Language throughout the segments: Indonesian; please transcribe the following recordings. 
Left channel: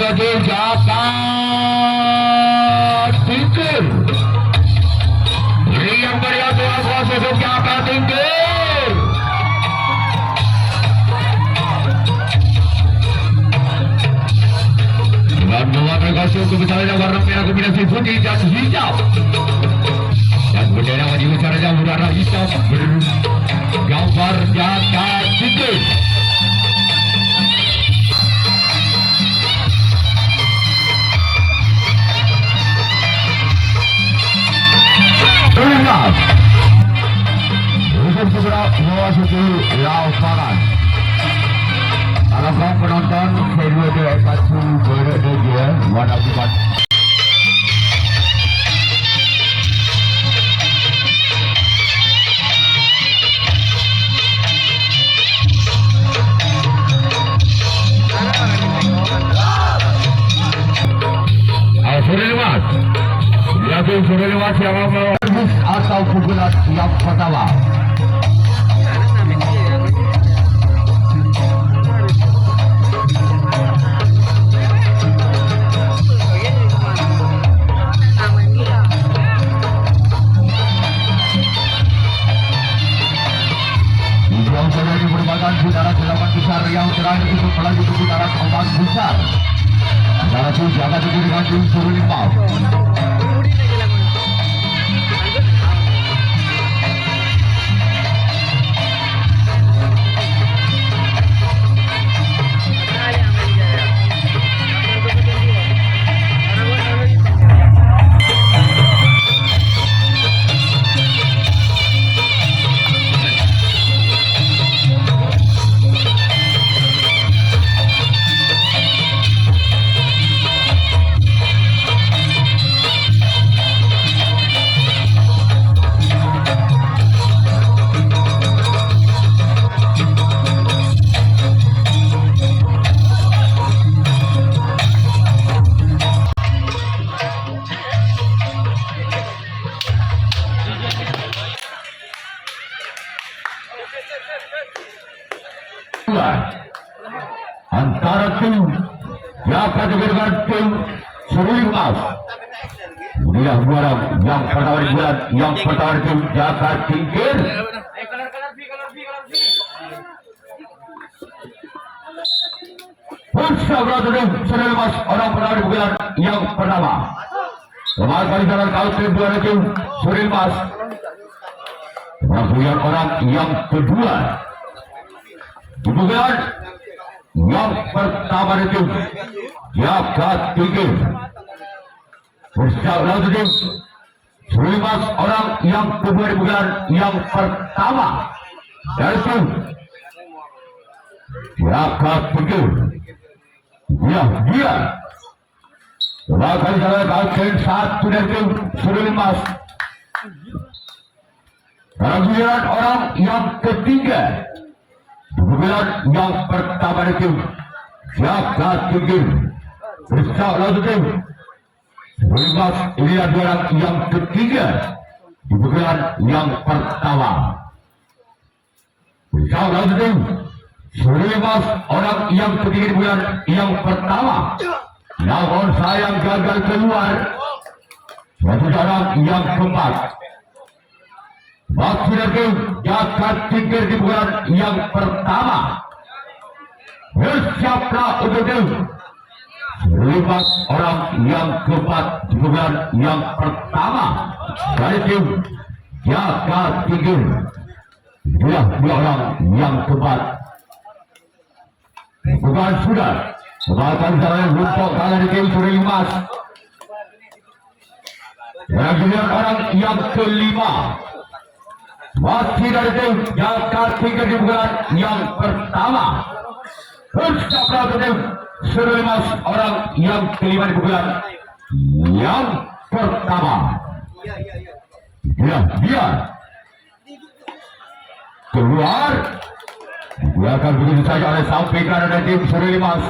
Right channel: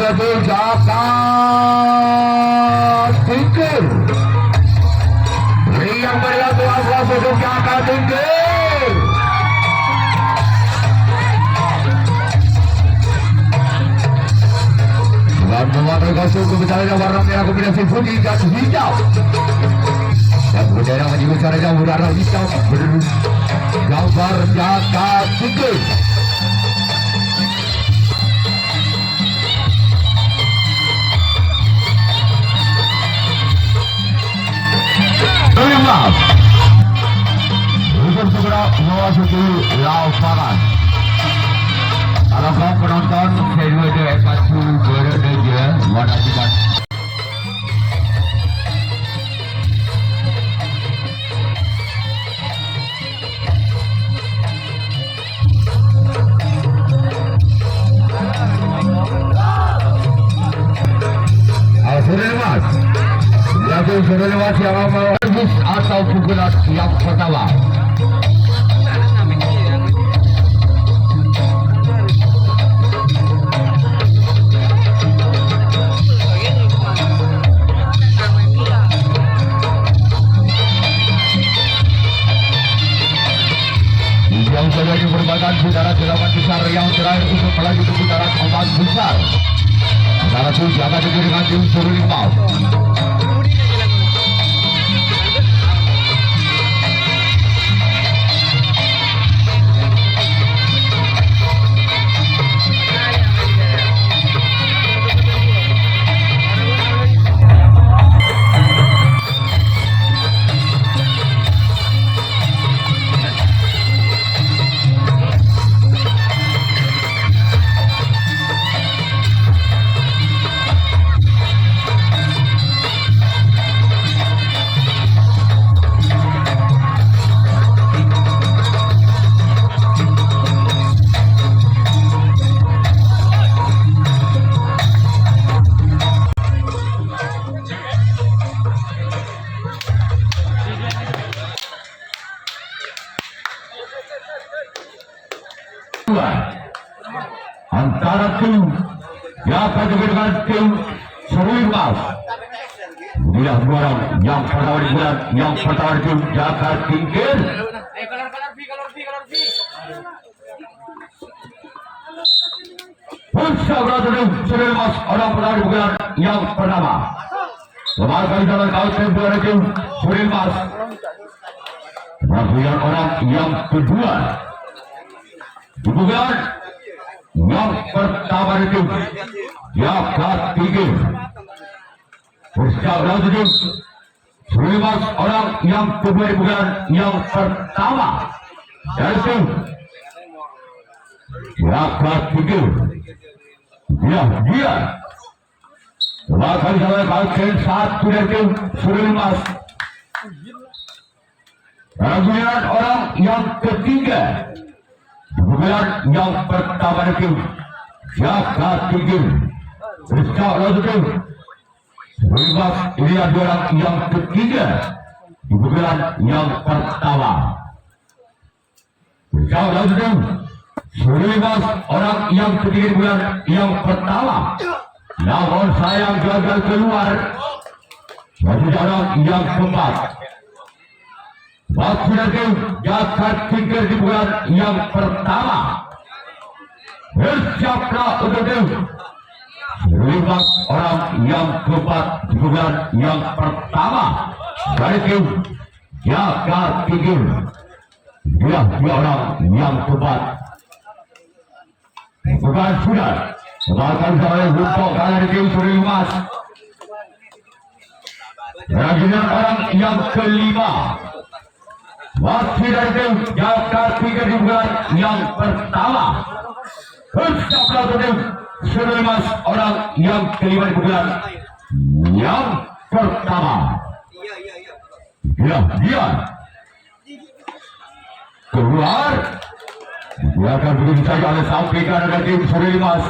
sebagai jakat tingkir. Yang melihat tuas untuk jakat tingkir. Dan mengambil kostum kebesaran warna merah kombinasi putih dan hitam. Dan bendera di ucaranya warna hitam bergambar jakat tingkir. Terima untuk segera memasuki lapangan. Harapkan penonton kedua delegasi berada warna hitam. Alfremas lagi Alfremas yang mau atau pukulan yang pertama. Yang sudah merupakan putaran 8 besar yang terakhir untuk melaju ke putaran 4 besar. Putaran itu akan terjadi dengan unsur 5. Antara tim Jakat dengan tim Serimas. Inilah juara yang pertama digelar, yang pertama tim Jakat Tingkir. Bersama tim Serimas orang pertama digelar yang pertama. Kemarin dengan kali tim juara tim Serimas. Kemudian orang yang kedua digelar yang pertama itu Jakat Tingkir. Bersama tim Serimas orang yang kedua digelar yang pertama yaitu Jakat Tingkir. Dia Wakil dari Kalsen 1 dari tim Serimas. Kemudian orang yang ketiga digelar yang pertama itu Jakat Tingkir. Bersama tim Serimas ini adalah yang ketiga digelar yang pertama. Bersama tim Serimas orang yang ketiga digelar yang pertama. Namun sayang gagal keluar. Putaran yang keempat. Wakil tim Jakat Tingkir digelar yang pertama. Bersiaplah untuk tim Serimas orang yang keempat digelar yang pertama dari tim Jakat Tingkir. Dia orang yang keempat. Bukan sudah. Sebagai saya untuk kali tim Serimas. Kemudian orang yang kelima. Wakil dari tim Jakat Tingkir digelar yang pertama. Bersama tim Serimas orang yang kelima digelar yang pertama. Dia keluar. Dia akan begitu saja oleh samping kanan tim Serimas.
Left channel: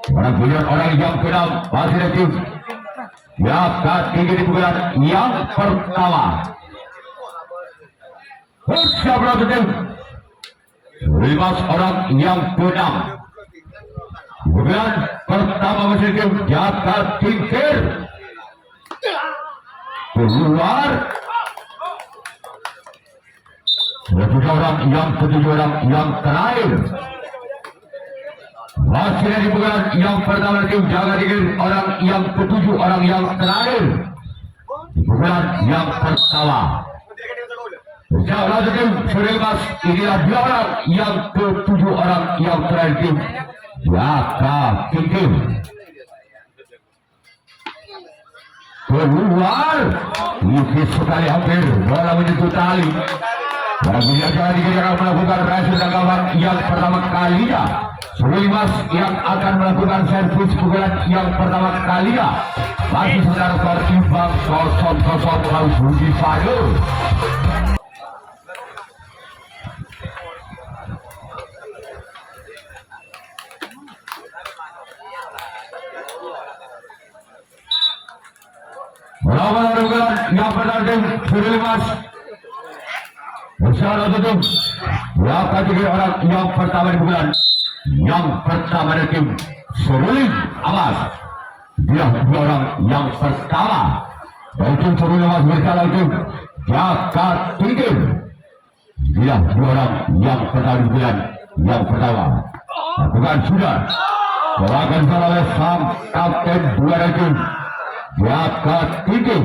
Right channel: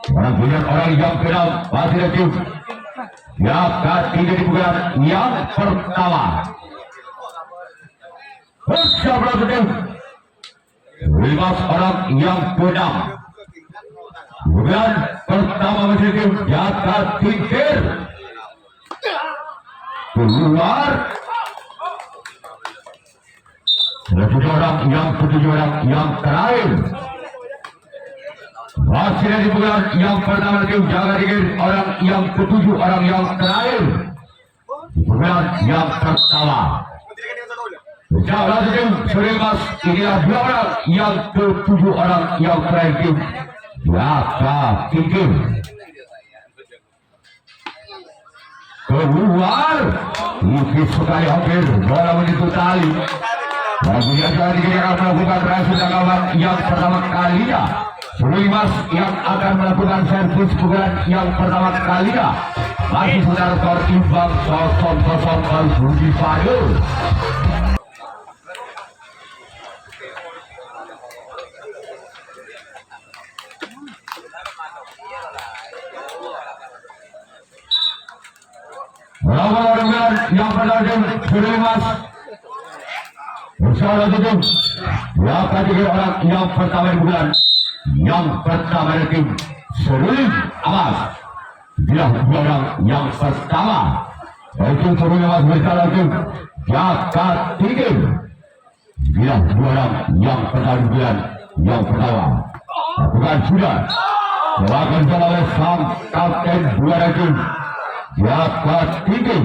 Kemudian orang yang keenam masih dari tim Jakat Tingkir digelar yang pertama. Bersama tim Serimas orang yang keenam. Bulan pertama masih tim jaga tingkir keluar. Selanjutnya orang yang ketujuh, orang yang terakhir masih dari bulan yang pertama tim jaga tingkir, orang yang ketujuh, orang yang terakhir bulan yang pertama. Jaga tim Surimas, inilah dia orang yang ketujuh, orang yang terakhir tim jaga tingkir keluar. Ini sekali hampir bola menyentuh tali. Bagi yang jaga tingkir akan melakukan berhasil tanggapan yang pertama kalinya. Surimas yang akan melakukan servis pukulan yang pertama kalinya. Masih secara skor imbang 0-0 harus Budi Sado. Lawan yang pertama Surimas bersama tim yang ketiga orang yang pertama di bulan yang pertama dari tim Surulim Amas. Dia orang yang pertama dari tim Surulim Amas bersama tim jaga tingkir. Dia orang yang pertama di bulan yang pertama. Bukan sudah dilakukan oleh sang kapten dua tim jaga tingkir.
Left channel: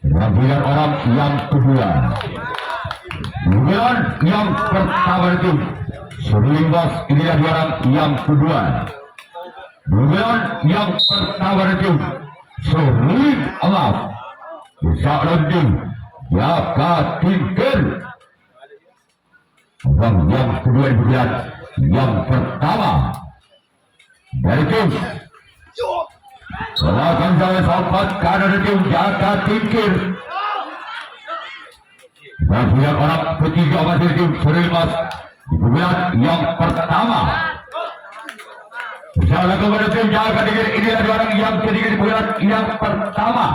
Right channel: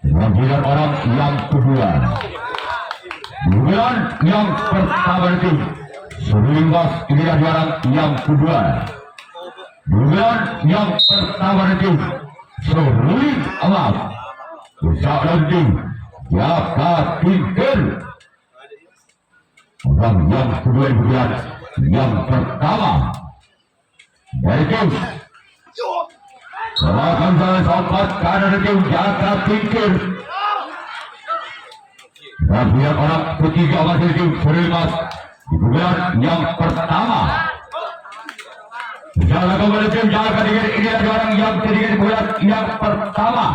Kemudian orang yang kedua, bulan yang pertama itu Surimas, ini adalah yang kedua. Bulan yang pertama itu Surulim Amas bisa berhenti jaga tingkir. Orang yang kedua bulan yang pertama dari tim Selamat jalan sahabat karena tim jaga tingkir. Dan dia orang ketiga masih tim Surimas di bulan yang pertama. Jaga kepada tim jaga tingkir, ini adalah orang yang ketiga di bulan yang pertama.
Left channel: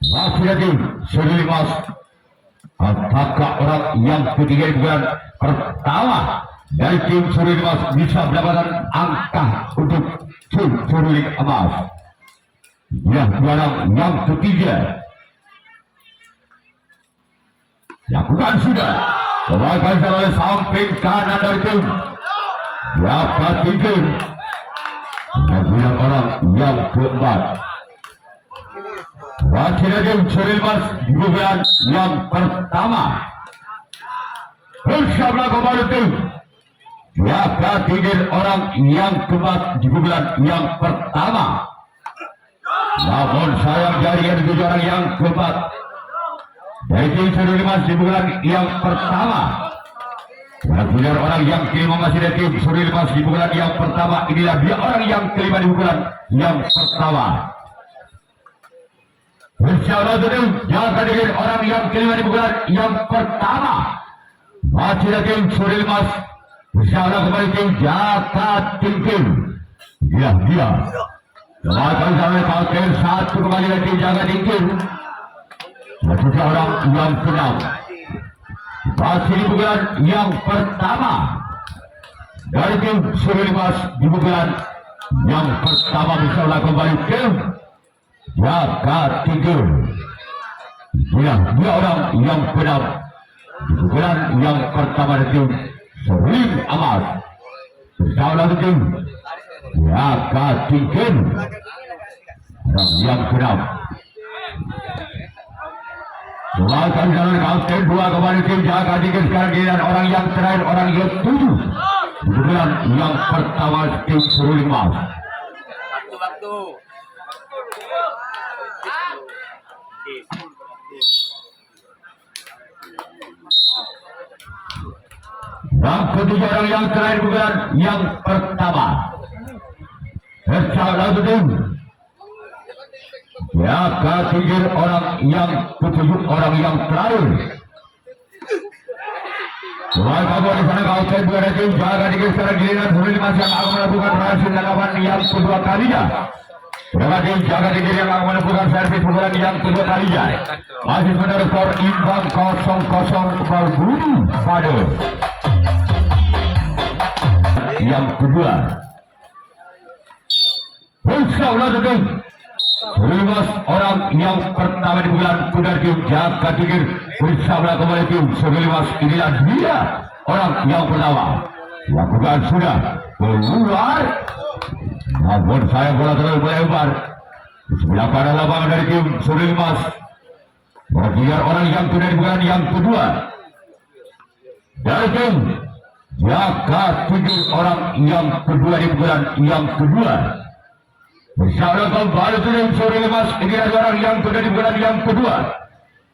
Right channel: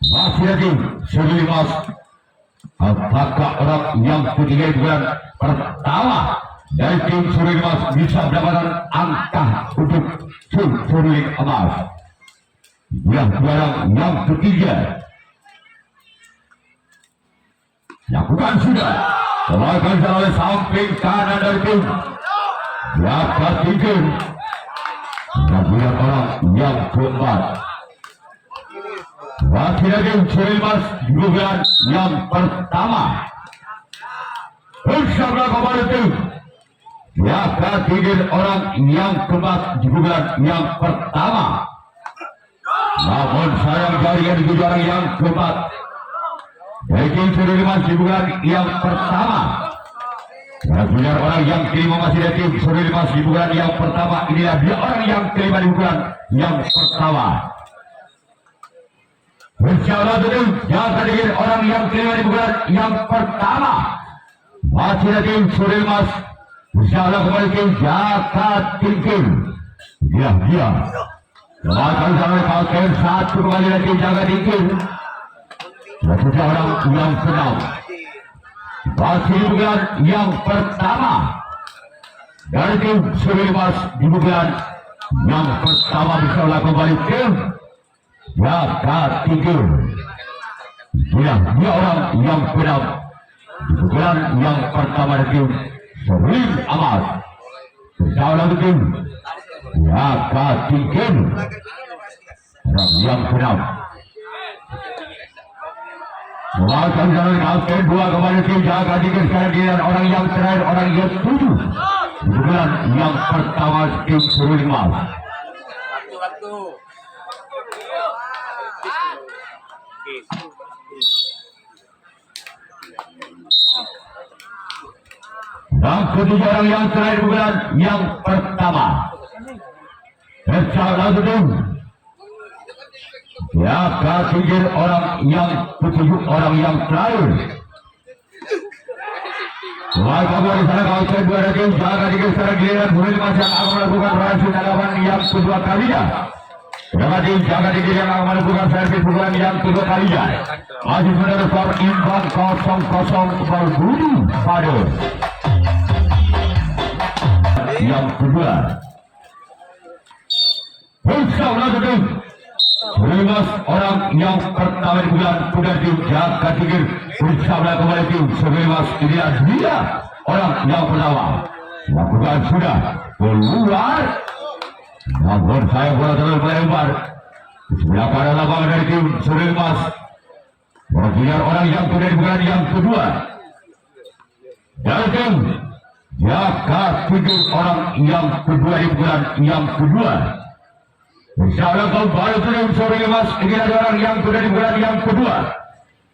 Masih tim Surimas. Apakah orang yang ketiga di bulan pertama dari tim Surimas bisa mendapatkan angka untuk tim Surulim Amas? Yang orang yang ketiga lakukan sudah serahkan jalan samping kanan dari tim jaga tingkir. Dan dia orang yang keempat masih lagi Surimas di bulan yang pertama bersama kepada tim jaga tingkir, orang yang keempat di bulan yang pertama. Namun sarang jaringan di jaring yang keempat dari tim Surimas di bulan yang pertama. Dan benar orang yang kelima masih dari tim Surimas di bulan yang pertama. Inilah dia orang yang kelima di bulan yang pertama. Bersama tim jaga tingkir, orang yang kelima di bulan yang pertama. Masih dari tim Surimas bersama kembali tim jaga tingkir. Dia lakukan sampai kapten satu kembali dari tim jaga tingkir. Selanjutnya orang yang senang masih di bulan yang pertama dari tim Surimas di bulan yang pertama bisa lakukan kembali tim jaga tingkir. Dia orang yang senang di bulan yang pertama dari tim Surulim Amas bersama tim jaga tingkir. Dan yang keenam melakukan jalan kapten dua kembali tim jaga tingkir. Sekarang giliran orang yang terakhir, orang yang tujuh bulan yang pertama tim Surulim Amas. Dan ketiga orang yang terakhir bulan yang pertama bersama tim jaga tingkir, orang yang ketujuh, orang yang terakhir. Selain kamu di sana kapten dua tim jaga tingkir. Sekarang giliran Surimas yang akan melakukan berhasil tanggapan yang kedua kalinya. Dengan tim jaga tingkir yang akan melakukan servis pukulan yang kedua kalinya. Masih saudara skor imbang 0-0 Budi Sado. yang kedua. Bersama dengan 15 orang yang pertama di bulan kuda tim jaga tinggi bersama kembali tim 15 inilah dia orang yang pertama yang bukan sudah keluar. Namun saya bola terlalu melebar sebelah kanan lapangan dari tim 15 berbiar orang yang sudah di bulan yang kedua. Dan tim jaga tinggi orang yang kedua di bulan yang kedua. Insyaallah kembali tim 15 ini adalah orang yang sudah di bulan yang kedua.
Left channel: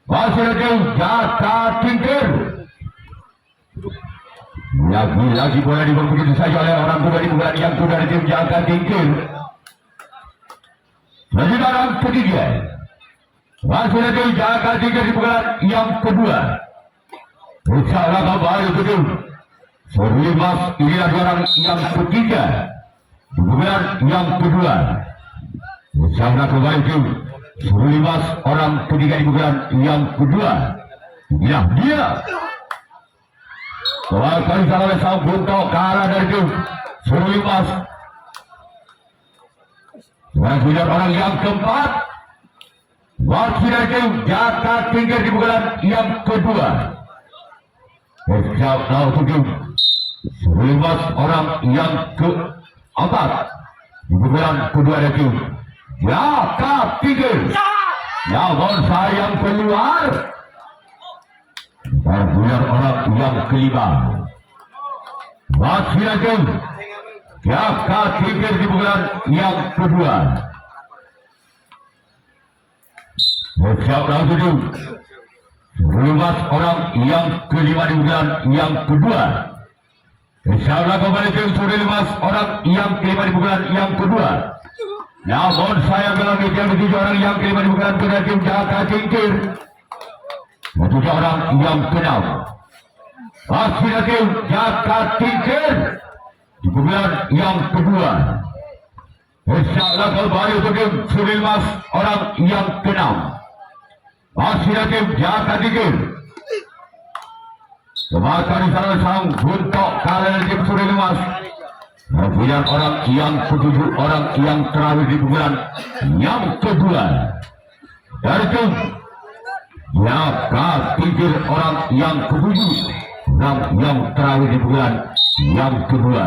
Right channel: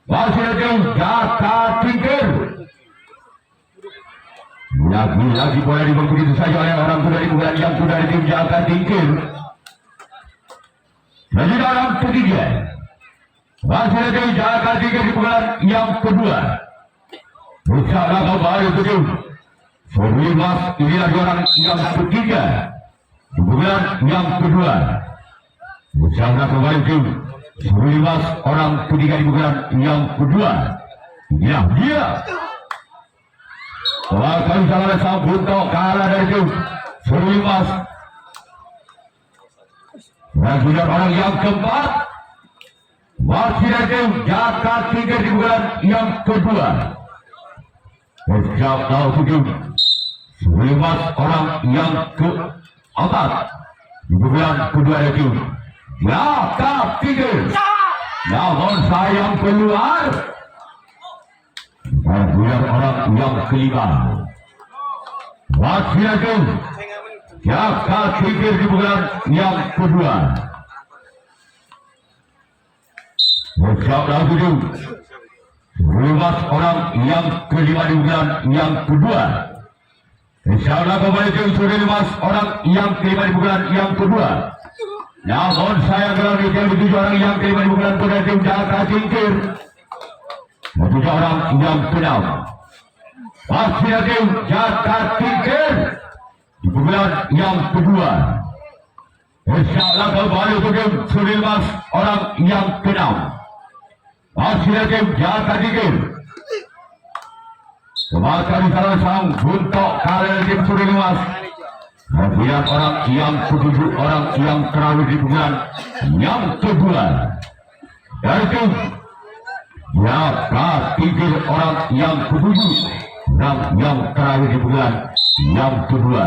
Masih ada jaga tinggi. Lagi bola dibawa begitu saja oleh orang muda di bulan yang sudah di tim jaga tinggi. Jadi dalam ketiga masih ada jaga tinggi di bulan yang kedua. Insyaallah kembali tim 15 ini adalah orang yang ketiga di bulan yang kedua. Insyaallah kembali tim 15 orang ketiga di bulan yang kedua. Ya dia. Bahkan salah sang Bunto kalah dari tim 15. Dan punya orang yang keempat masih dari tim jaga tinggi di bulan yang kedua. Sejak tahun tim 15 orang yang keempat di bulan kedua dari tim jaga tinggi. Namun sayang keluar. Dan punya orang yang kelima masih ada jaga tinggi di bulan yang kedua. Sejak tahun itu 15 orang yang kelima di bulan yang kedua. Insyaallah kembali tim 15 orang yang kelima di bulan yang kedua. Namun saya bilang yang dituju orang yang kelima di bulan kedua tim jaga tinggi. Dan juga orang yang keenam masih ada jaga tinggi di bulan yang kedua. Insyaallah kembali tim 15 orang yang keenam masih ada jaga tinggi. Semasa di sana sang Buntok kalah tim 15. Kemudian orang yang ketujuh orang yang terakhir di bulan yang kedua. Dari tim jaga tinggi orang yang ketujuh dan yang terakhir di bulan yang kedua.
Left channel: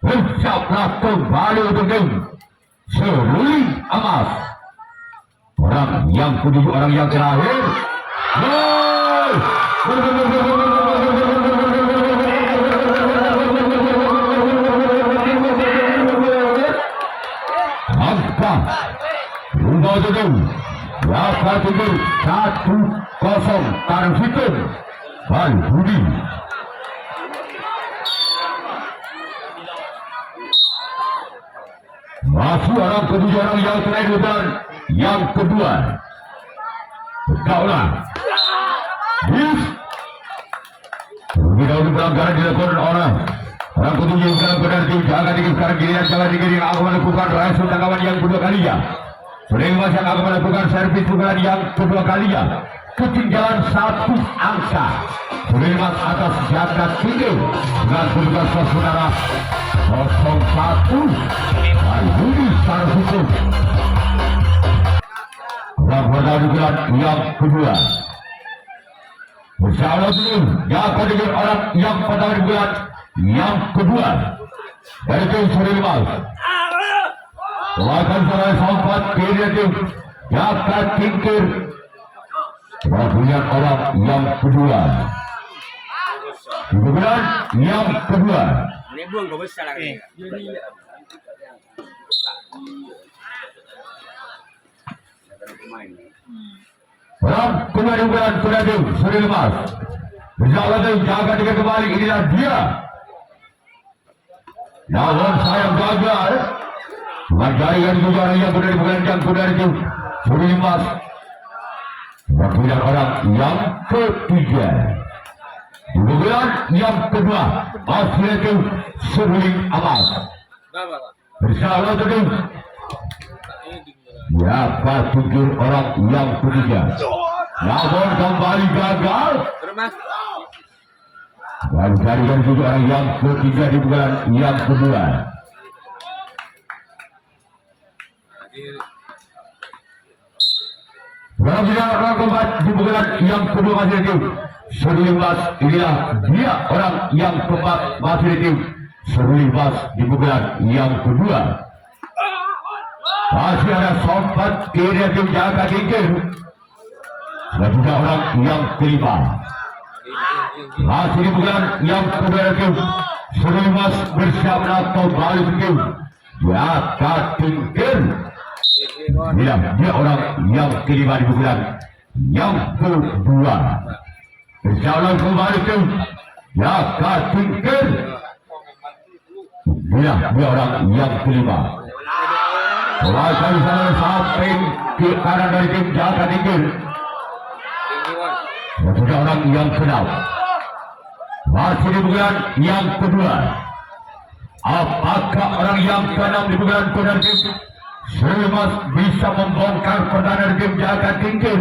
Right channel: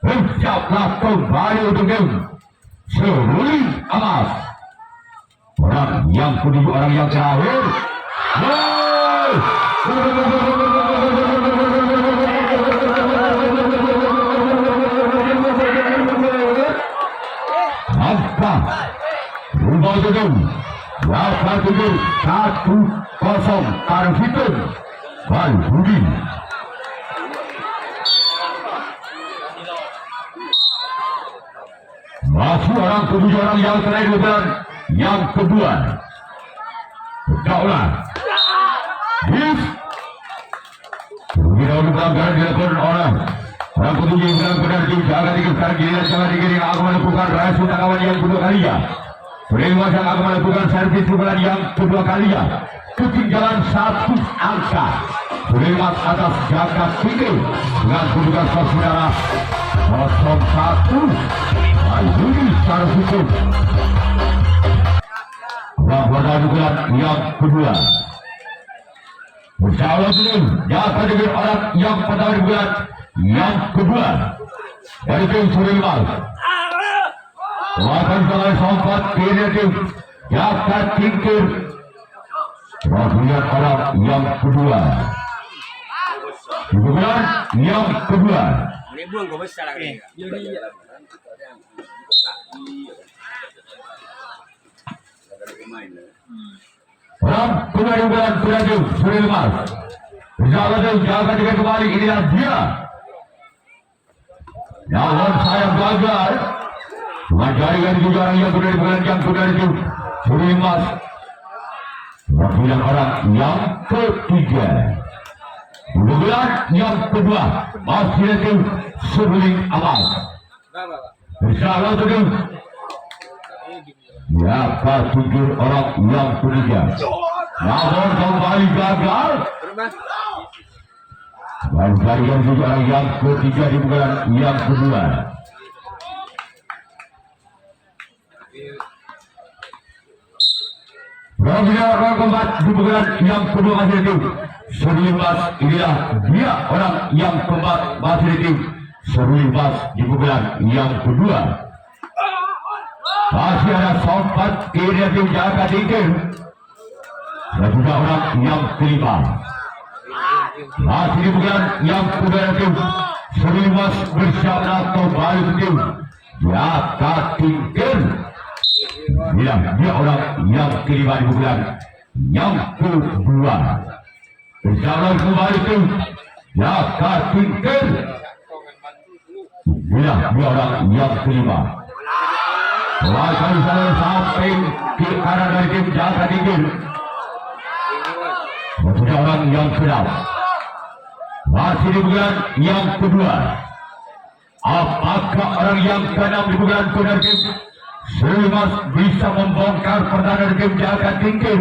Ucaplah kembali untuk tim seruling emas. Orang yang ketujuh orang yang terakhir. Maka rumah itu jaga tinggi 1-0 tarif hitung Bal Budi. Masih orang ketujuh orang yang terakhir bulan yang kedua. Kaulah Bis kita untuk pelanggaran dilakukan oleh orang ketujuh yang benar tim jaga tinggi sekarang giliran jaga tinggi yang akan melakukan raya kawan yang kedua kalinya. Sering akan melakukan servis bulan yang kedua kalinya. Ketinggalan 1 angka. Selimas atas jaga tinggi dengan kedudukan saudara 0-1. Ayuni secara hukum. Yang pada juga yang kedua. Bersama tim jaga tinggi orang yang pada juga yang kedua. Dari tim Selimas. Wahkan salah sempat kiri tim jaga tinggi. Rakyat orang yang kedua. Bulan yang kedua. Ini buang gue besar lagi. Orang kedua di bulan Suradim Surilemas. Jaga dengan kembali inilah dia. Namun sayang gagal. Mencari yang juga yang kedua di bulan yang kedua itu Surilemas. Wakil orang yang ketiga. Bulan yang kedua masih itu seruling amal. Insyaallah tadi. Ya, tujuh orang yang ketiga. Namun kembali gagal. Dan jaringan juga yang ketiga di bulan yang kedua. Dan orang keempat di bulan yang kedua masih tim 19. Inilah dia orang yang keempat masih tim 19 di bulan yang kedua. Masih ada sompat kiri tim jaga tinggi. Dan juga orang yang kelima. Masih di bulan yang kedua tim 19 bersama kembali tim jaga tinggi. Ya, dia orang yang kelima di bulan yang kedua. Berjalan kembali ke jaga tinggi. Ya, dia orang yang kelima. Lakukan sana sampai ke kanan dari tim jaga tinggi. Dan juga orang yang keenam. Masih di bulan yang kedua. Apakah orang yang keenam di bulan kedua tim 19 bisa membongkar pertahanan tim jaga tinggi,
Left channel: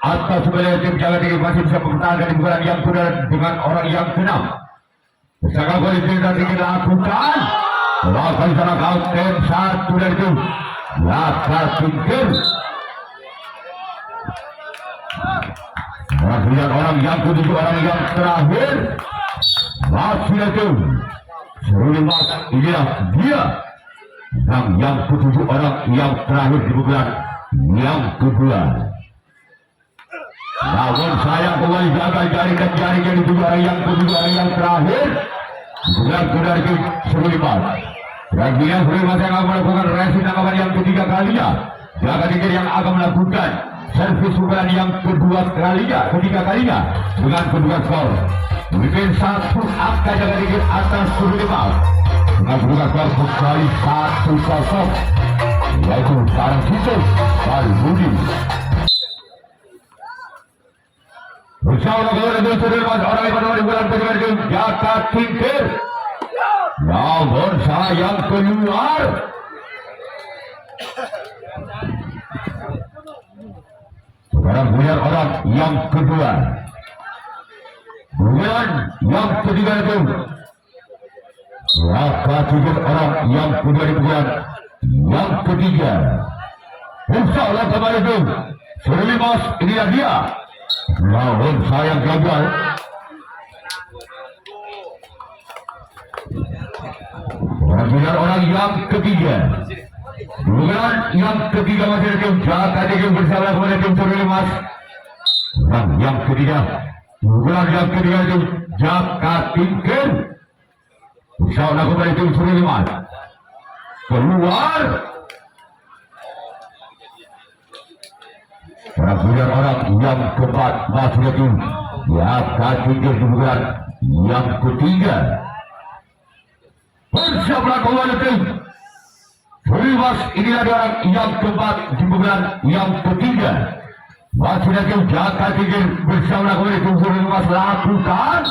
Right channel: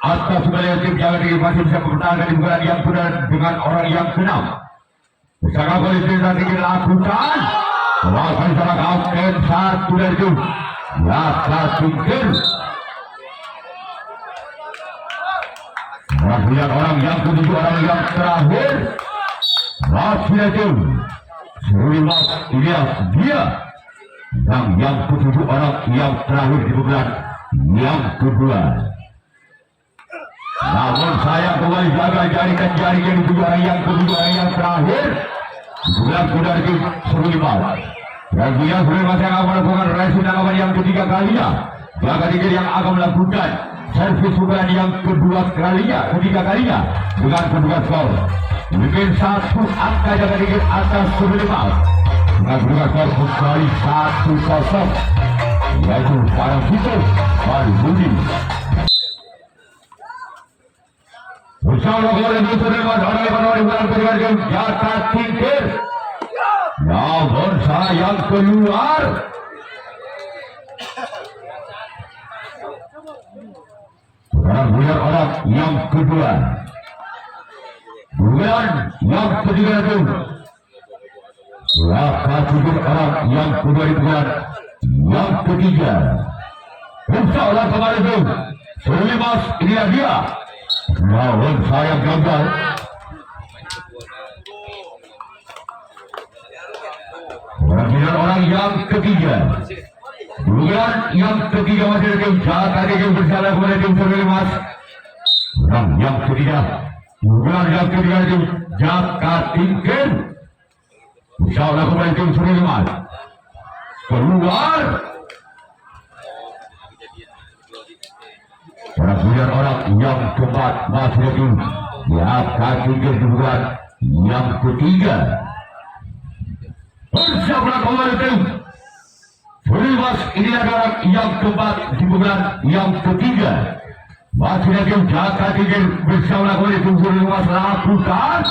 atau sebenarnya tim jaga tinggi masih bisa bertahan di bulan yang kedua dengan orang yang keenam? Bersama kali tim jaga tinggi lakukan. Lakukan sana kapten satu dari tim jaga tinggi. Orang yang ketujuh, orang yang terakhir masih itu 19. Inilah dia. Dan yang ketujuh orang yang terakhir di bulan yang kedua. Namun saya kembali jaga jaringan jaringan juga orang yang ketujuh orang yang terakhir di bulan kedua itu 19. Dan dia sudah masih akan melakukan resi tanggapan yang ketiga kalinya. Jaga tinggi yang akan melakukan servis bulan yang kedua ketiga kalinya dengan kedua skor. Mungkin satu angka jaga tinggi atas 19. Dengan skor kembali 1-0, yaitu Barang Vitus Baru Budi. Bersama gol yang bebas orang yang bulan kedua jaga tinggi. Namun sayang keluar. Sekarang lihat orang yang kedua. Bulan yang ketiga itu. Jaga tinggi orang yang kedua di bulan yang ketiga. Insya Allah kemarin itu 19 ini dia. Namun sayang gagal. Kemudian orang yang ketiga. Bulan yang ketiga masih tim jaga tinggi bersama kepada tim 19. Orang yang ketiga. Bulan yang ketiga itu jaga tinggi. Insya Allah kepada tim 19. Keluar. Kemudian orang yang keempat masih lagi jaga tinggi di bulan yang ketiga. Bersama kembali tim 19. Inilah orang yang keempat di bulan yang ketiga. Masih lagi jaga tinggi bersama kembali tim 19 lakukan.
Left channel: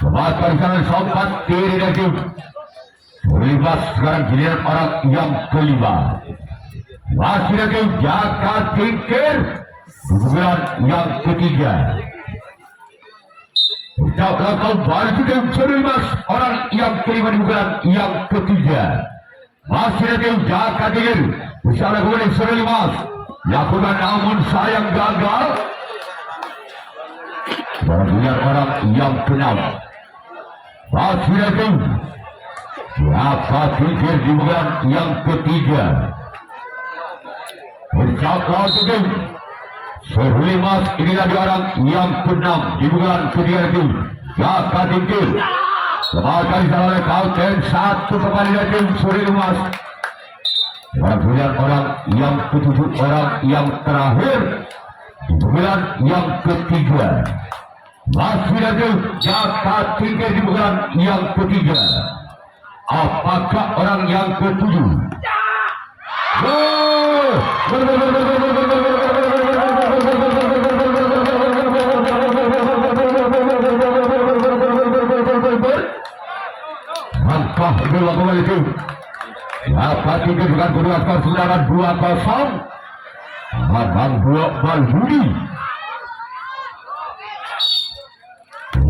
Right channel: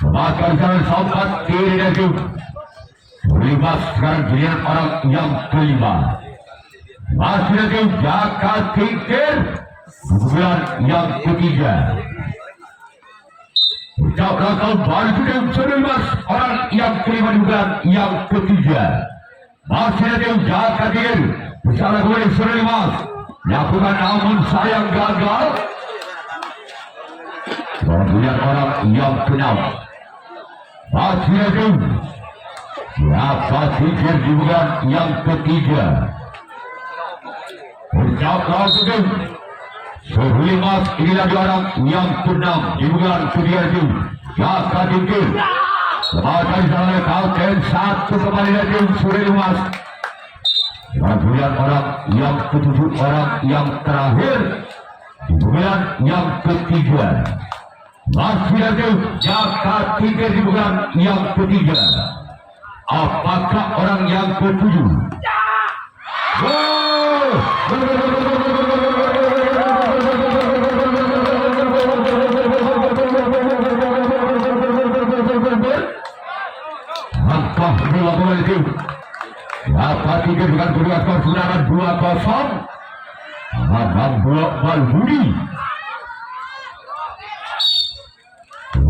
Maka di sana sempat kiri dan tim 19. Sekarang giliran orang yang kelima. Masih lagi jaga tinggi di bulan yang ketiga. Jaga kembali ke tim 19. Orang yang kelima di bulan yang ketiga. Masih lagi jaga tinggi bersama kembali 19. Lakukan namun sayang gagal. Dan lihat orang yang keenam. Masih lagi jaga tinggi di bulan yang ketiga. Berjaga tinggi 19. Ini lagi orang yang keenam di bulan ketiga itu. Jaga tinggi. Semakin salah kapten satu kembali lagi 19. Dan lihat orang yang ketujuh, orang yang terakhir di bulan yang ketiga. Masih lagi jaga tinggi di bulan yang ketiga. Apakah orang yang ketujuh? Mantap dua bola itu. Jaga tinggi dengan kedua skor sedangkan 2-0. Menang 2 Bal Budi.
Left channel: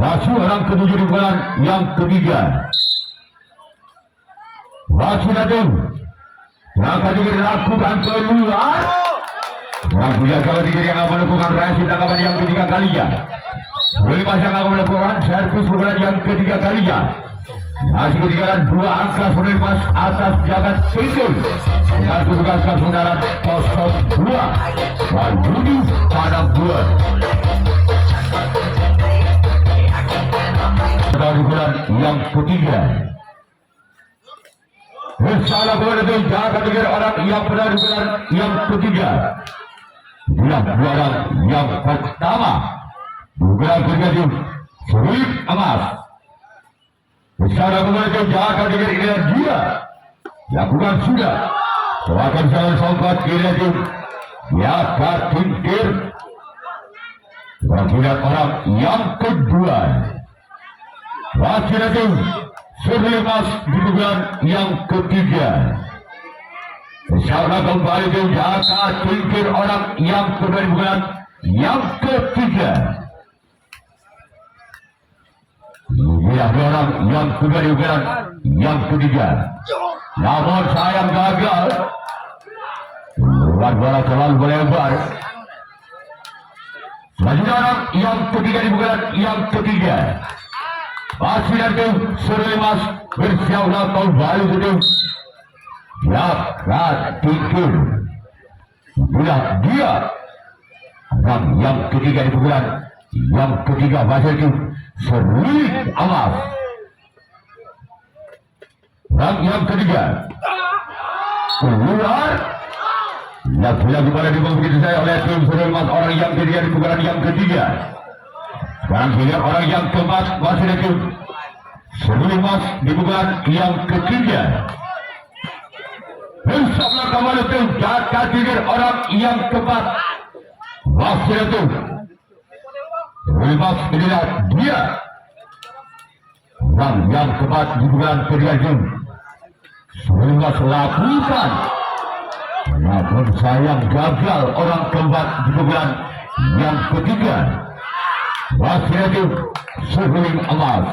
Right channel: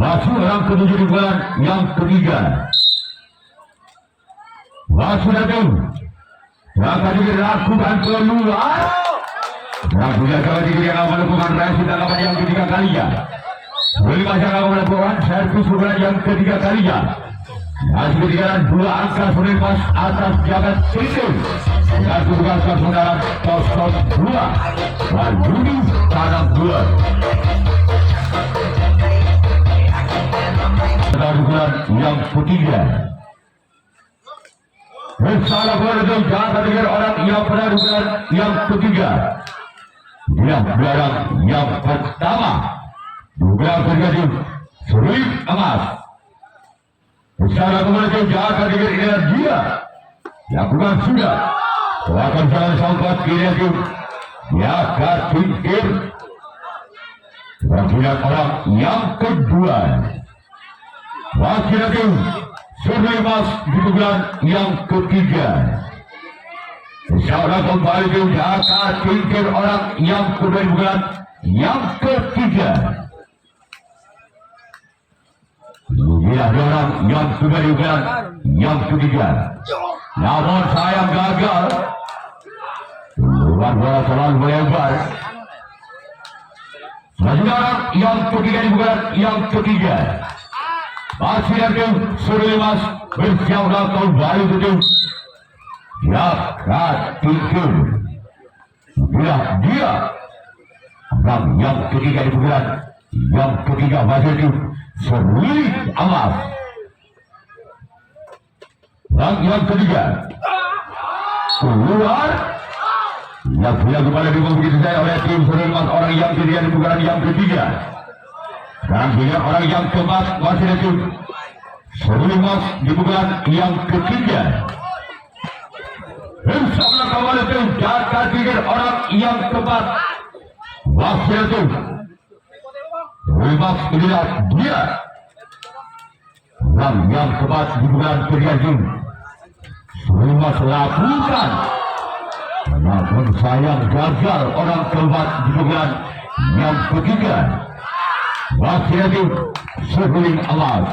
Wasit orang ketujuh di bulan yang ketiga. Wasit itu akan dilakukan keluar. Dan punya coba diri yang akan melakukan reaksi tanggapan yang ketiga kalinya. Sebelum masih akan melakukan servis bulan yang ketiga kalinya. Masih ketinggalan 2 angka Sudirman atas jagat tinggi. Dengan kedudukan saudara 02 dan Budi pada 2. Bulan yang ketiga. Bersama dengan jaga dengan orang yang pernah bulan yang ketiga. Yang bulan yang pertama. Juga terjadi Sri Emas. Bersama dengan jaga dengan energi. Lakukan sudah. Akan jalan sampai kiri ya tingkir. Bagian orang yang kedua. Wasit itu Sudirman di bulan yang ketiga. Bersama kembali ke jaga tingkir orang yang kedua di bulan yang ketiga. Dia orang yang kedua di bulan yang ketiga. Namun sayang gagal. Luar bola terlalu melebar. Selanjutnya yang ketiga di bulan yang ketiga. Masih ada Sudirman bersiap kembali ke ya tingkir. Dia dan yang ketiga di bulan yang ketiga masih itu Sri Emas. Dan yang ketiga keluar. Lagi-lagi pada dibuang begitu saya oleh tim Sudirman orang yang ketiga di bulan yang ketiga. Dan juga orang yang keempat masih itu Sudirman di bulan yang ketiga. Dan sebelah kembali itu jaga tingkir orang yang keempat masih itu Sudirman inilah dia. Dan yang keempat di bulan ketiga itu Sudirman lakukan. Namun sayang gagal orang keempat di bulan yang ketiga. Wasit itu Sudirman Emas.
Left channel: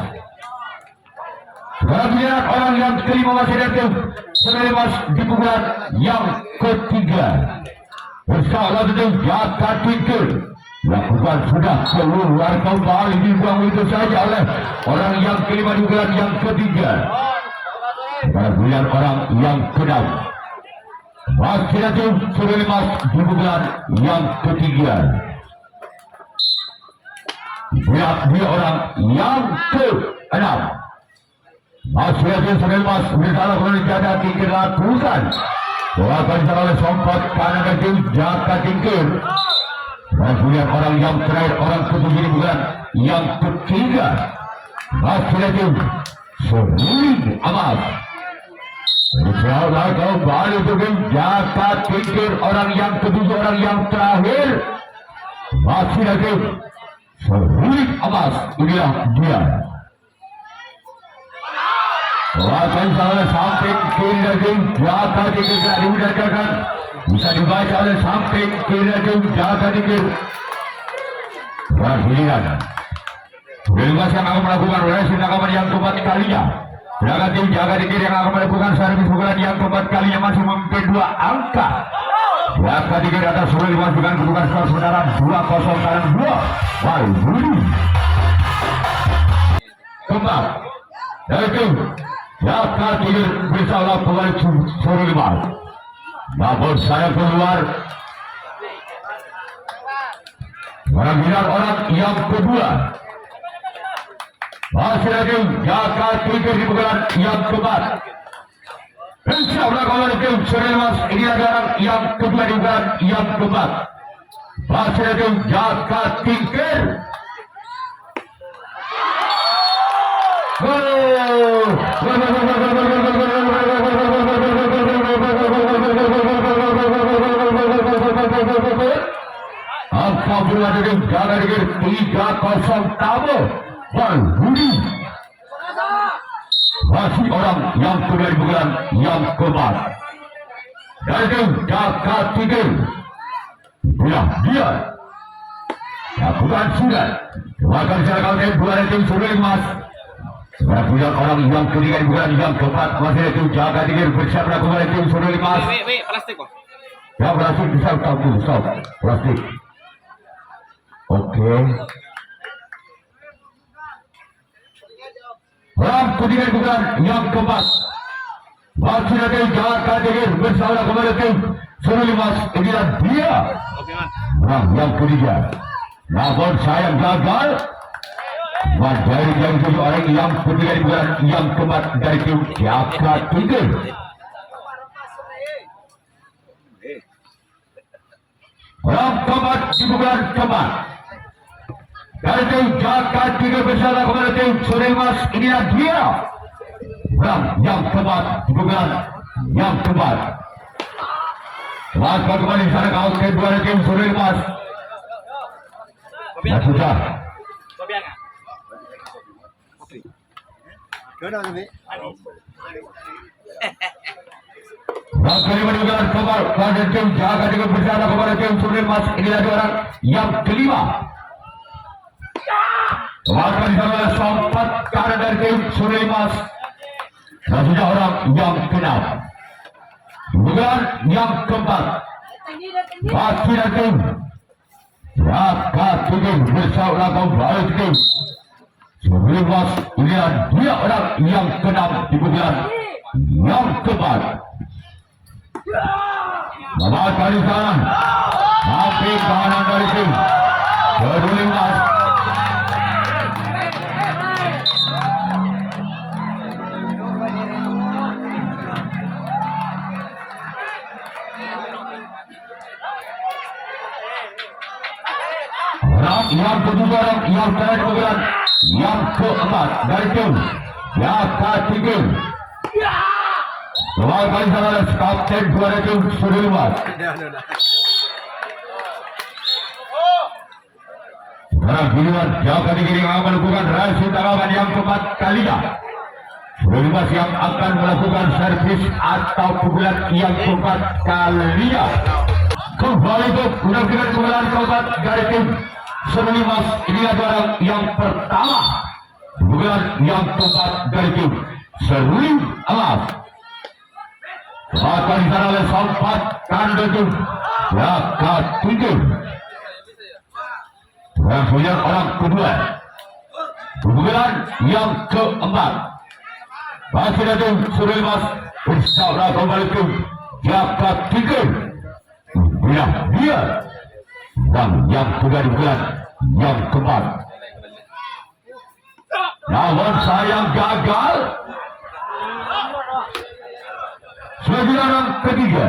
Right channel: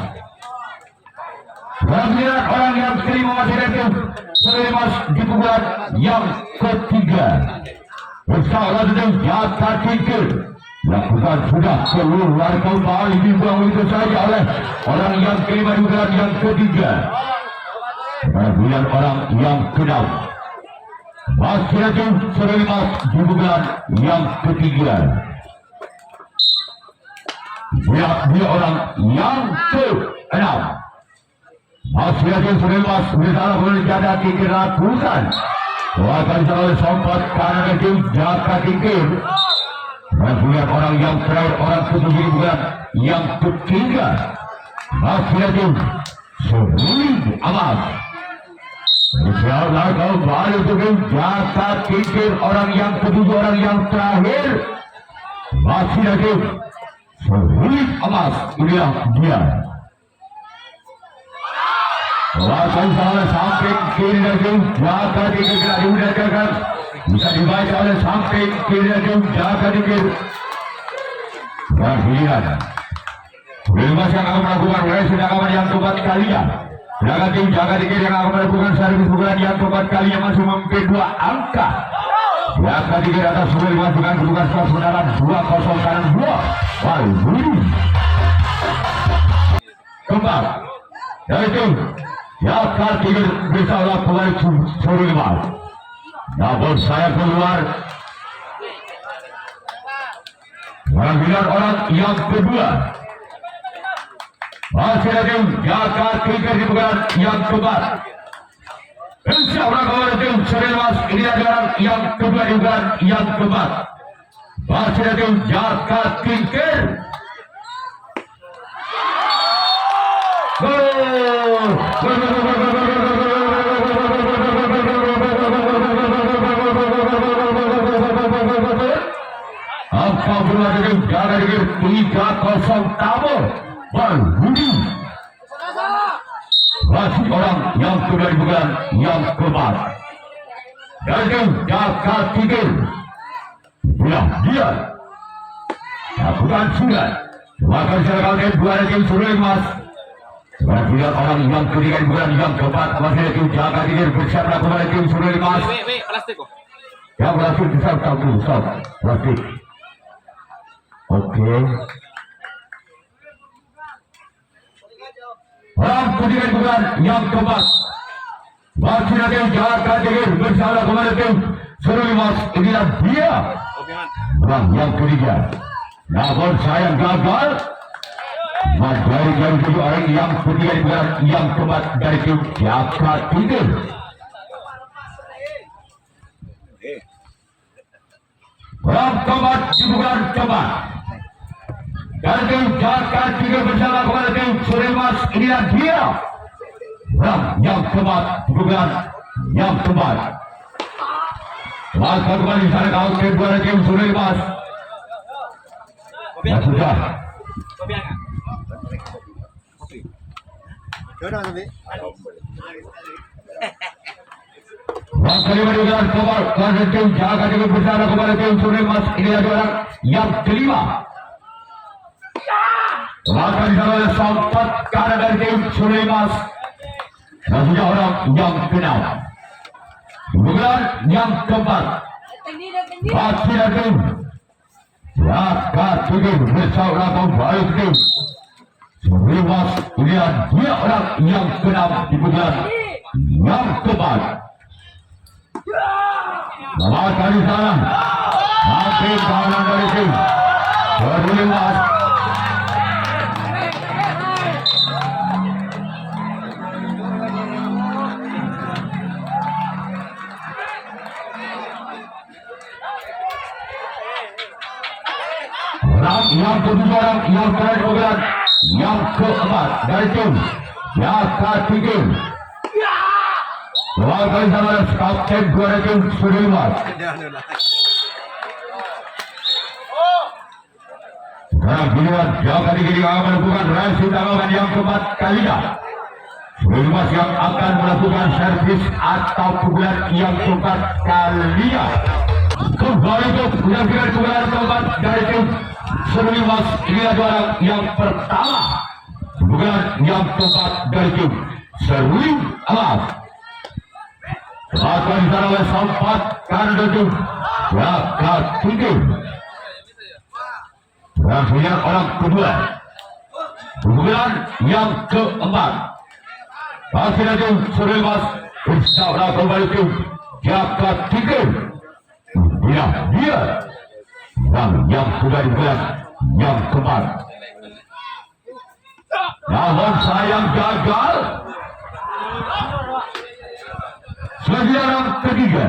Kemudian orang yang kelima wasit itu Sudirman di bulan yang ketiga. Bersama itu jaga tingkir. Lakukan sudah keluar kembali dibuang itu saja oleh orang yang kelima di bulan yang ketiga. Kemudian orang yang keenam. Masih ada Sudirman di bulan yang ketiga. Dia orang yang ke-6. Masih ada Sudirman bersalah menjadi tingkir ratusan. Akan terlalu sempat karena itu jaga tingkir. Masih orang yang terakhir orang ke-7 di bulan yang ketiga. Masih ada Sudirman Emas. Insyaallah kembali dengan jaga tingkir orang yang kedua orang yang terakhir. Masih ada Sudirman Emas. Inilah dia. Lakukan oleh samping kiri lagi jaga tingkir tidak dimudahkan. Bisa dibaca oleh samping kiri lagi jaga tingkir. Dan pilihan Sudirman yang akan melakukan racing rekaman yang keempat kalinya. Jaga tim jaga tingkir yang akan melakukan servis pukulan yang keempat kalinya masih memimpin 2 angka. Jaga tingkir atas Sudirman dengan kedudukan skor saudara 2-0 kanan 2. Baru kembali dari tim jaga tingkir bersama kembali Sudirman. Namun saya keluar. Mengambil orang yang kedua. Masih ada jaga tingkir di bulan yang keempat. Insyaallah kalau tim Sudirman ini adalah yang kedua di bulan yang keempat. Masih ada jaga tingkir. Apabila dengan jaga tingkir 3-0 tamu. Budi masih orang yang kedua di bulan yang keempat. Dan itu jaga tingkir. Dia lakukan sudah Bahkan secara kaunter dua tim sudah emas. Bila orang yang ketiga bukan yang keempat masih itu jaga diri bersama kepada tim sudah emas. Plastik kok. Yang plastik besar plastik. Oke. Orang ketiga bukan yang keempat masih itu jaga diri bersama kepada tim sudah emas. Inilah dia. Oke, Man. Orang yang ketiga. Namun sayang gagal. Dari yang kedua orang yang ketiga bukan yang keempat dari tim Jakarta Tigers. Orang keempat bukan keempat dari tim Jakarta Tigers bersama kepada tim Suremas. Inilah dia. Orang yang keempat bukan yang keempat. Lakukan kembali sana kau kedua dari tim Suremas. Sudah. Wakil menunjukkan kembali pada tim jaga dengan bersama kepada tim Suremas. Inilah dua orang yang kelima. Lakukan sama sempat karena dari tim Suremas. Dan sudah orang yang keenam. Bukan yang keempat. Masih ada tim Jakarta Tigers bersama kembali tim Suremas. Inilah dia orang yang keenam di bulan yang keempat. Melakukan di sana tapi kanan dari tim Suremas. Yang kedua yang terakhir yang keempat dari tim Jakarta Tigers. Melakukan sama kapten dua dari tim Suremas. Sekarang giliran Jakarta Tigers yang akan melakukan reaksi tangawan yang keempat kalinya. Suremas yang akan melakukan servis atau pukulan yang keempat kalinya. Kembali itu pukulan keempat dari tim Suremas. Ini adalah yang pertama. Bukan yang keempat dari tim Suremas. Akan oleh sempat kan dari Jakarta Tigers. Dan punya orang kedua. Bukan yang keempat. Masih ada tim Suremas. Bersama kembali tim Jakarta Tigers. Dia. Dan yang kedua bukan yang keempat. Namun sayang gagal. Sejarah ketiga.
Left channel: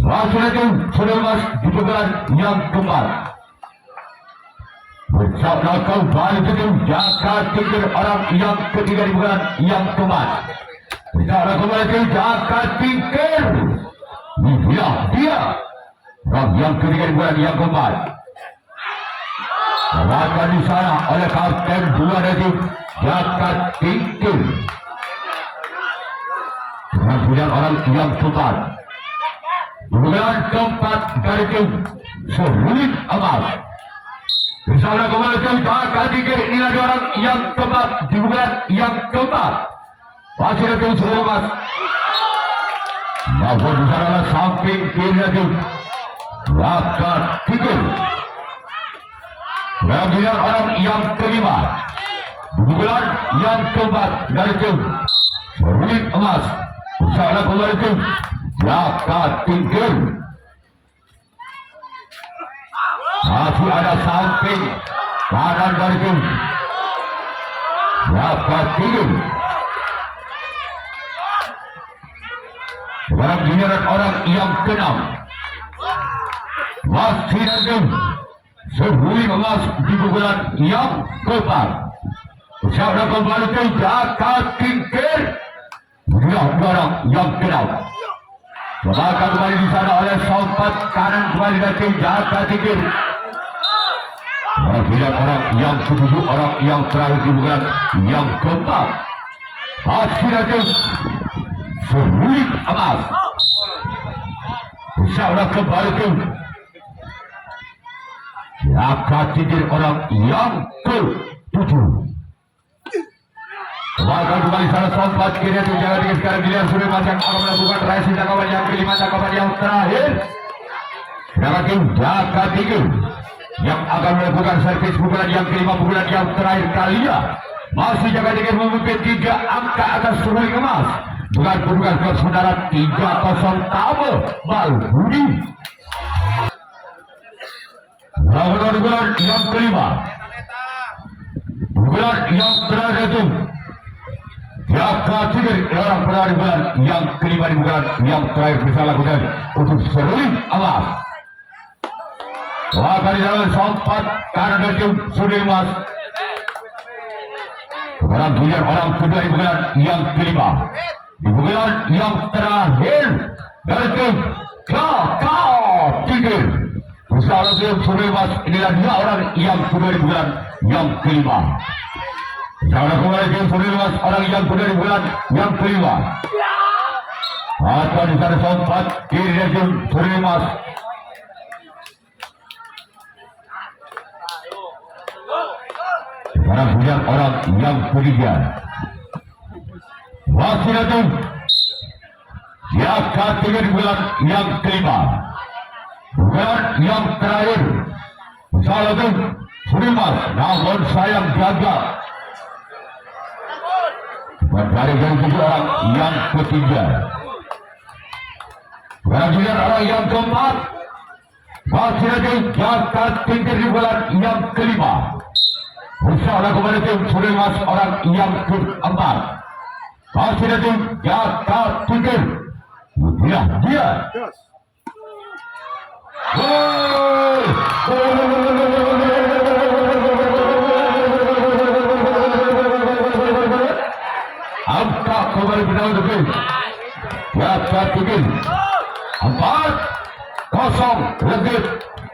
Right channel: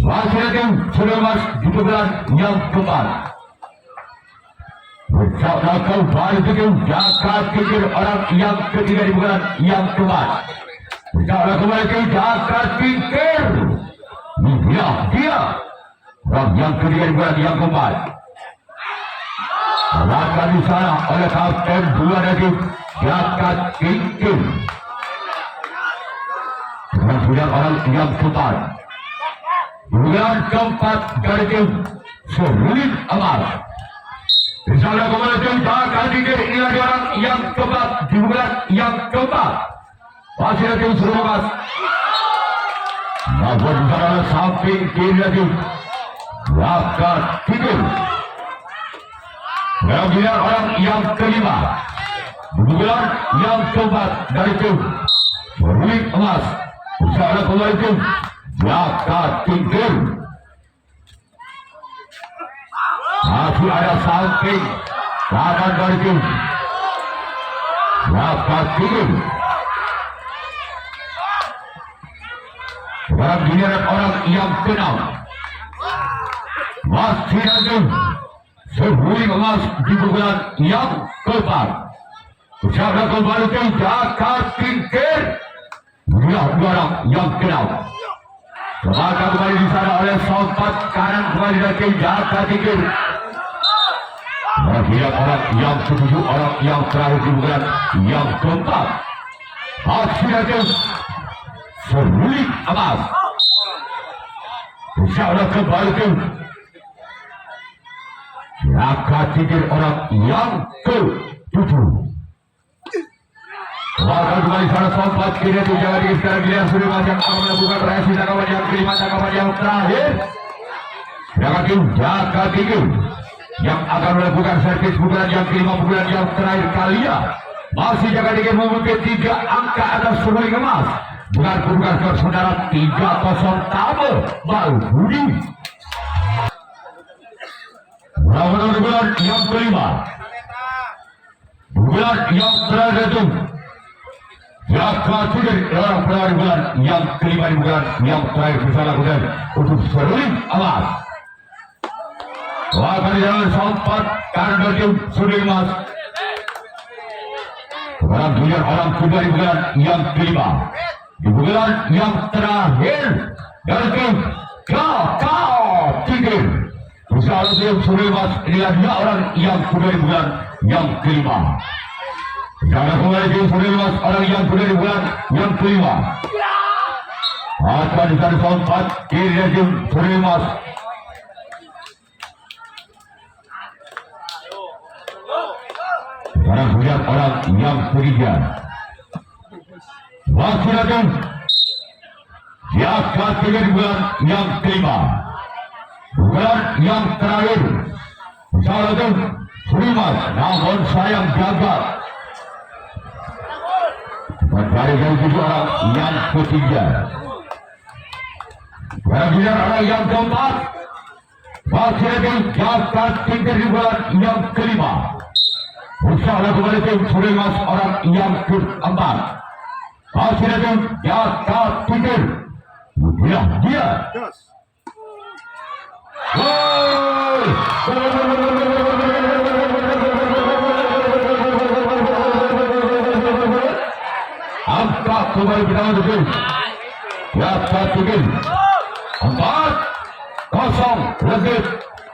Masih tim Suremas bukan yang keempat. Bersama kembali tim Jakarta Tigers orang yang ketiga bukan yang keempat. Bersama kembali tim Jakarta Tigers. Dia. Dan yang ketiga bukan yang keempat. Melakukan di sana oleh kapten dua dari Jakarta Tigers. Dengan sudah orang yang keempat. Bukan keempat dari tim Suremas. Misalnya kembali tim Jakarta Tigers. Inilah orang yang keempat. Bukan yang keempat. Masih ada tim Suremas. Namun di sana samping kiri dari Jakarta Tigers. Kemudian orang yang kelima. Bukan yang keempat dari tim Suremas. Misalnya kembali tim Jakarta Tigers. Masih ada samping kanan dari tim Jakarta Tigers. Sekarang giliran orang yang keenam. Masih ada Suremas di bulan yang keempat. Bersama kembali tim Jakarta Tigers. Dia orang yang keenam. Maka kembali di sana oleh sobat kanan kembali dari tim Jakarta Tigers. Dia orang yang ketujuh, orang yang terakhir di bulan yang keempat. Masih ada Suremas. Bersama kembali tim Angkat tinggi orang yang ke-7. Melakukan kembali salah sompat kiri itu jangan dikit sekarang Gilian sudah macam akan melakukan reaksi tangkapan yang kelima tangkapan yang terakhir. Semakin jaga tinggi yang akan melakukan servis pukulan yang kelima pukulan yang terakhir kalinya. Masih jaga tinggi memimpin 3 angka atas seruling emas. Bukan kedudukan ke saudara 3-0 Tama Malbudi. Lawan bulan yang kelima. Bulan yang terakhir itu. Jaga tinggi orang peraih bulan yang kelima di bulan yang terakhir bisa lakukan untuk seruling emas. Wah, kali jalan sempat karena tim seruling emas. Orang bulan orang kedua di bulan yang kelima. Di bulan yang terakhir dari tim kakak tinggi. Usaha tim seruling emas inilah dia orang yang kedua di bulan yang kelima. Jangan kembali tim seruling emas orang yang kedua di bulan yang kelima. Akan dari sempat kiri tim seruling emas. Sekarang melihat orang yang ketiga. Masih ada yang ketiga di bulan yang kelima. Bulan yang terakhir. Salah tim seruling emas. Namun sayang gagal. Dari yang kedua yang ketiga. Kemudian orang yang keempat. Masih ada jaga tinggi di bulan yang kelima. Usaha kembali tim seruling emas orang yang keempat. Masih ada tim jaga tinggi. Dia. Gol! Angka kembali penawar dulu. Jaga tinggi. 4-0 Legit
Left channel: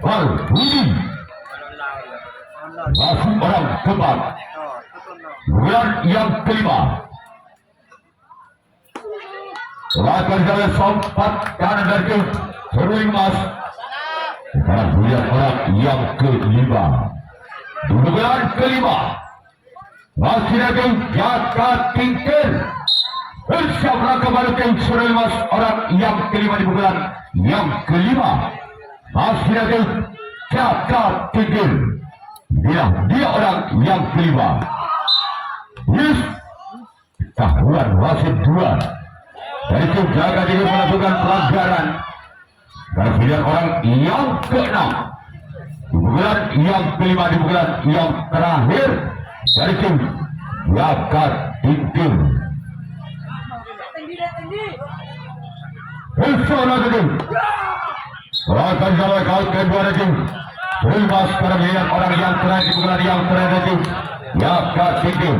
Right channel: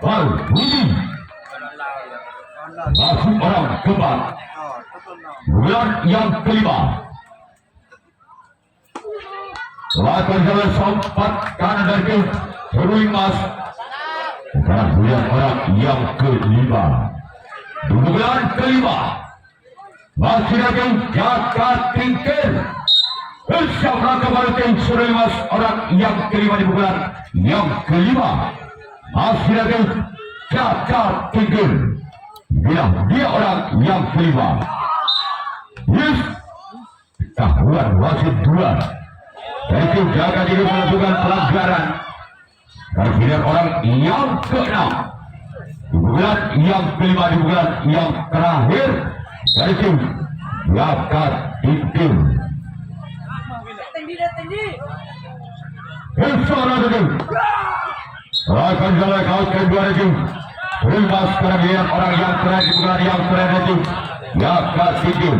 Malbudi. Masih orang keempat. Bulan yang kelima. Lakukan jalan sempat kanan dari seruling emas. Sekarang bulan orang yang kelima. Di bulan kelima. Masih ada jaga tinggi. Bersama kembali tim seruling emas orang yang kelima di bulan yang kelima. Masih ada jaga tinggi. Dia orang yang kelima. Yes. Tahuan wasit 2. Dari tim jaga diri melakukan pelanggaran. Dan dia orang yang ke-6. Di bulan yang kelima di bulan yang terakhir. Dari tim jaga tinggi. Insya-Allah tim. Akan jalan kau kedua tim. Terima sekarang orang yang terakhir di bulan yang terakhir itu jaga tinggi.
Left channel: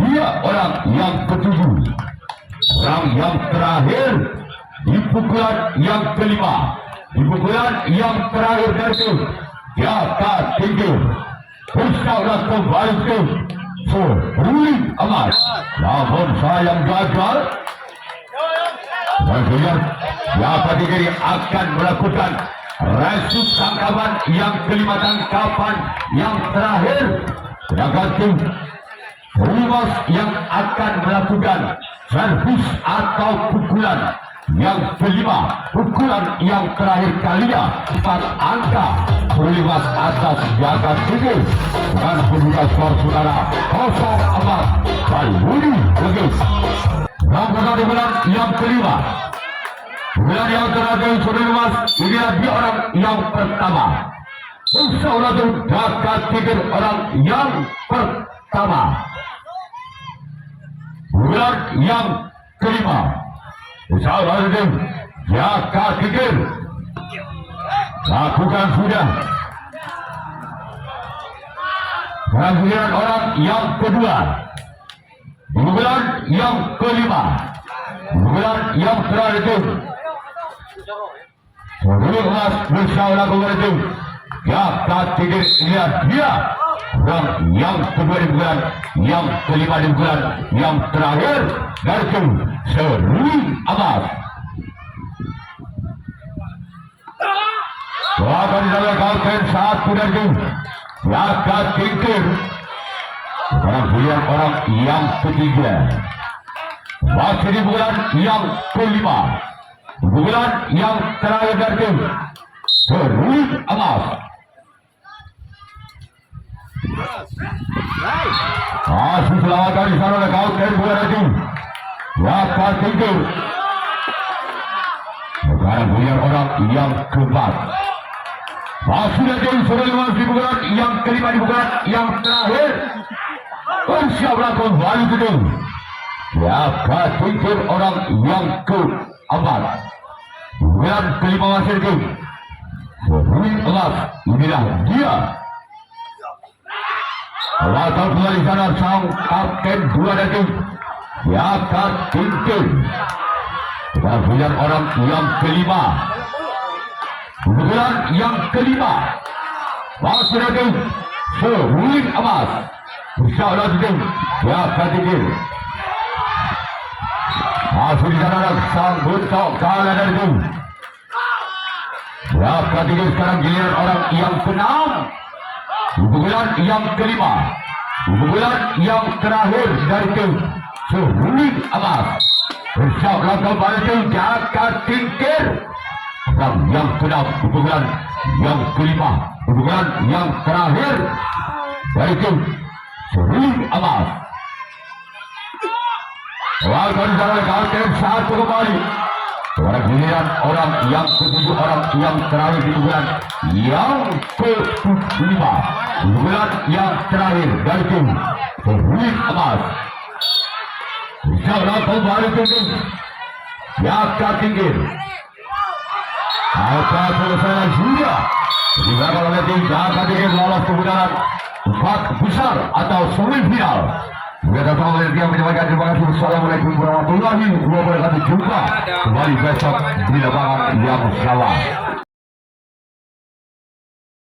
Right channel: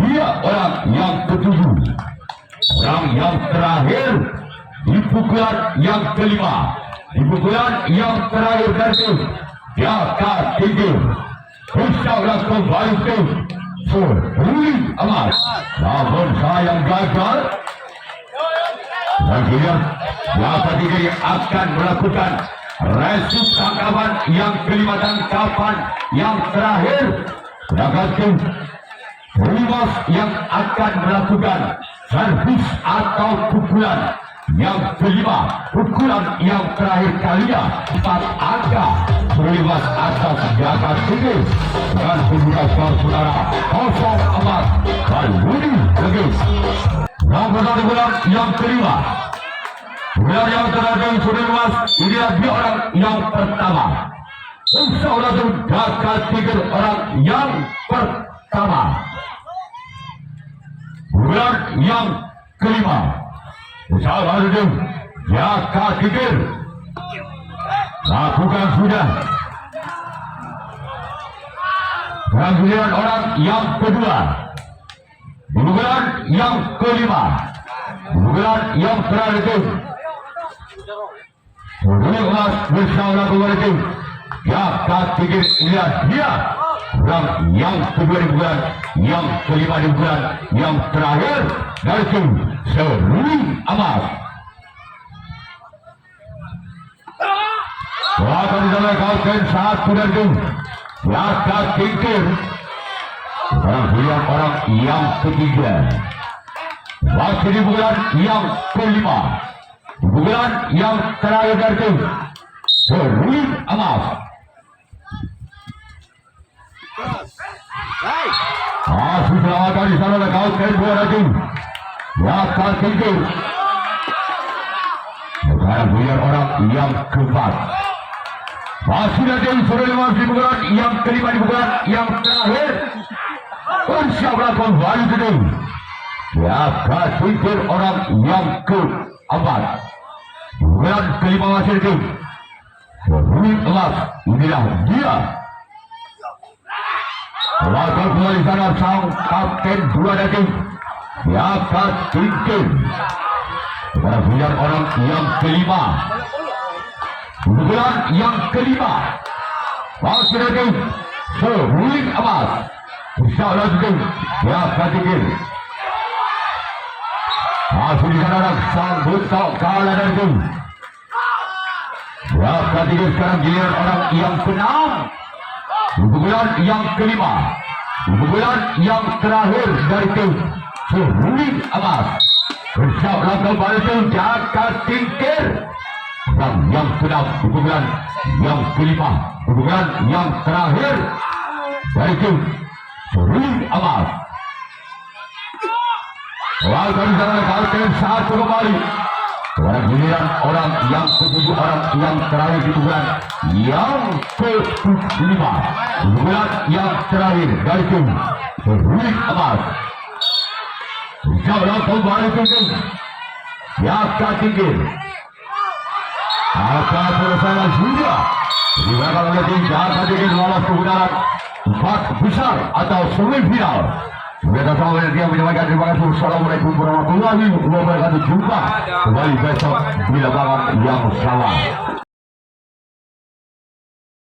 Dia orang yang ke-7. Orang yang terakhir di pukulan yang kelima. Di pukulan yang terakhir dari jaga tinggi. Insya-Allah kembali tim seruling emas. Namun sayang gagal. Bagian jaga tinggi akan melakukan resip tangkapan yang kelima tangkapan yang terakhir. Jaga tinggi seruling emas yang akan melakukan servis atau pukulan yang kelima. Pukulan yang terakhir kalinya 4 angka. Seruling emas atas jaga tinggi. Dan pembuka skor saudara 0-4 Malbudi Legit. Pada bulan yang kelima. Bulan yang terakhir seruling emas. Inilah dia orang yang pertama. Insya-Allah jaga tinggi orang yang pertama. Bulan yang kelima. Insya-Allah jaga tinggi. Lakukan sudah. Kemudian orang yang kedua. Di bulan yang kelima. Di bulan yang terakhir itu. Seruling emas bersama kembali itu. Jaga tinggi. Dia. Dan yang kedua di bulan yang kelima di bulan yang terakhir. Dari itu seruling emas. Akan dilakukan satu dan dua. Laka tingkir. Dan pilihan orang yang ketiga. Masih di bulan yang kelima. Bulan yang terakhir dari Serul Amas. Masih selamatkan di sana lakukan dua lagi. Laka tingkir. Dan pilihan orang yang keempat. Masih ada Serul Amas di bulan yang kelima di bulan yang terakhir. Insyaallah kembali ke Laka tingkir orang yang keempat. Bulan kelima masih itu Serul Amas. Inilah dia. Laka kembali sana sang kapten dua lagi. Laka tingkir. Dan pilihan orang yang kelima. Bulan yang kelima masih ada Serul Amas. Insyaallah juga ya kategori. Masih di sana sang besar kalah dari itu. Ya kategori sekarang giliran orang yang keenam. Bulan yang kelima. Bulan yang terakhir dari itu Serul Amas. Insyaallah kembali itu jakat tingkir. Dan yang keenam bulan yang kelima. Bulan yang terakhir dari itu Serul Amas. Lakukan dalam kalkan satu kembali. Giliran orang yang ketujuh, orang yang terakhir di bulan yang kelima. Bulan yang terakhir dari tim Serul Amas. Insyaallah kembali ke jakat tingkir. Apa selesai sudah digunakan oleh tim jakat tingkir lolos ke putaran empat besar atau semifinal. Kita semua yang menyampaikan terima kasih. Assalamualaikum warahmatullahi wabarakatuh. Jumpa kembali besok di lapangan yang sama.